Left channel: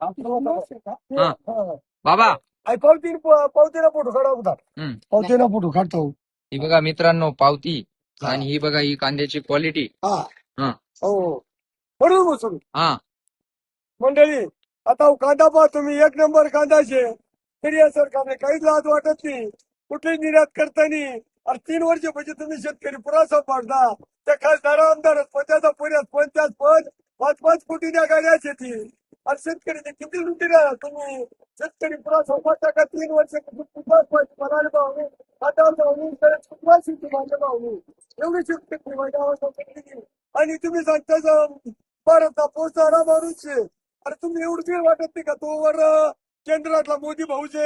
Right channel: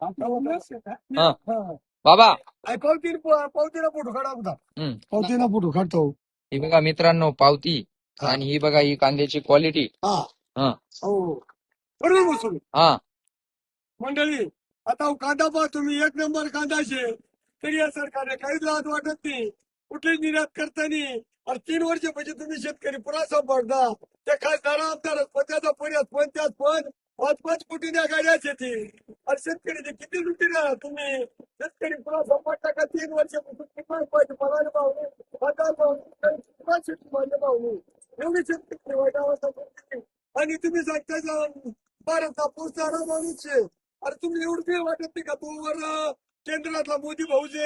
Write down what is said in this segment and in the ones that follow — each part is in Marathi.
हा बाबा पावतीला फोटो काढा होता. पावतीला फोटो काढतो. ही बघा मित्रांनो पावती आणि ही बघा ही कांद्याची क्वालिटी. हा हो बरोबर बसून हा मंडळी. आता कांदा पहा तुम्ही, एक नंबर कांदा शे, तरी या सरकारने काहीच लाज वाटत नाही, कुठली निर्यात करतानी. आणि 3 वर्ष म्हणजे तुम्ही शेतकरी पुरा सांभाळता. त्या खासदार आमदार पदाचा पर्याय 50 पद 5-5 कोटी गाड्या शेती. आणि शेतकरीचे किती लुटी राहा तुम्ही. शेतकरी पुरा सांभाळता का 3 वर्ष पराळे भावने कांदा भावने शेती माझ्या भावने एवढी शेतकरी माझ्या अवस्था केली. आणि तुम्ही सांगता भारत पोचणारा माणूस आहे. अरे तुम्ही एवढं काही वाटत नाही का तो वर केंद्रातला मोदी भाऊजे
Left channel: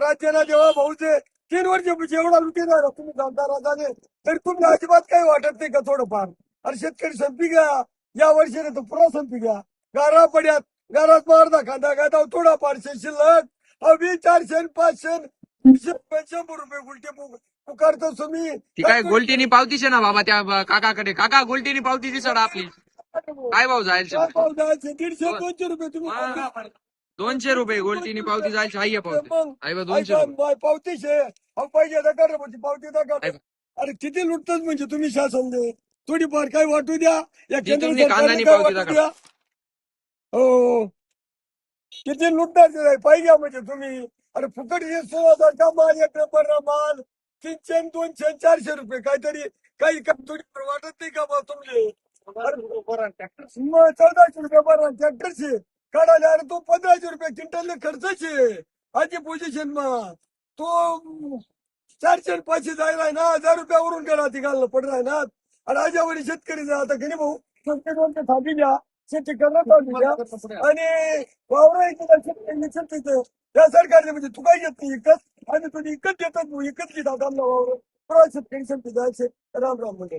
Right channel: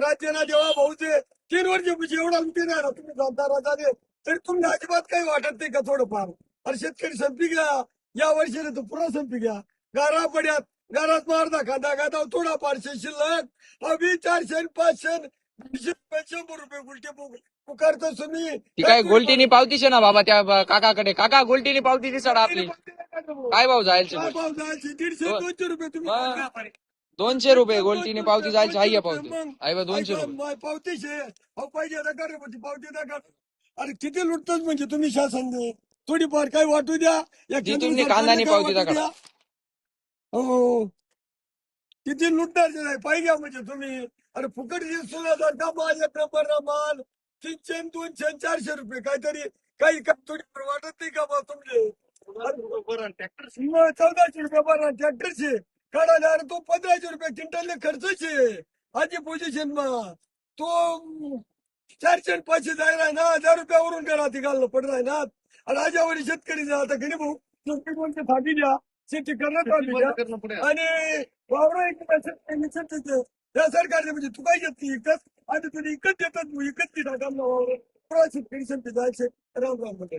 राज्याला जेव्हा भाऊजे 3 वर्ष एवढा लुटी राहिला तुम्ही सांगता राजाने, तरी तुम्ही अजिबात काही वाटत नाही का थोडंफार. अरे शेतकरी संपी घ्या या वर्षीने तो पुरा संपी घ्या. गारा पड्यात घरात अर्धा खांदा गादा थोडा पाचशे शिल्लक 400 500 100 रुपये उलटे पुकारतो तुम्ही. ती काय गोल्टीनी पावती शे ना बाबा त्या काकाकडे. काका गोल्टीनी पावती दिसत आपली काय भाऊ जायचे. काय भाव जायचे 150-200 रुपये तुम्ही 200 रुपये गोल्टीनी पावती जायची. आहे पावती मग आहे बा 200 रुपये. पावतीशे अहो पाहिजे नका म्हणजे पावती नका. अरे किती लुटतच म्हणजे तुम्ही शासन दे थोडीफार काही वाटू द्या. या जी केंद्र तुम्ही सरकारने कांदानी काय पावती वाटू दाखवा. द्या. हो किती लुटणार पाहिजे म्हणजे तुम्ही. अरे फुकट 16,000 माल 1 नंबर माल 300 200 400 रुपये काहीतरी काही थोडी वाटत नाही का बा तुमचे. मग 1400 रुपये बरं ट्रॅक्टरचे काढायला. अरे तो 1500 रुपये क्विंटलने खर्चचे आजी पोझिशन मग तो 400 500 जायला ना 1000 रुपयावरून करा ती घालणं पड राही ना. आणि राजावरी शेतकरी आता गरीब भाऊ संकट थांबी द्या शेती करण्यात आणि वावर शेतकरी त्या सरकारने म्हणजे तू काय घेत नाही इकत आणि तुझी इकत देतात इकत घेतात वावर शेतकरी संपी जायचे. राम राम मंडळी.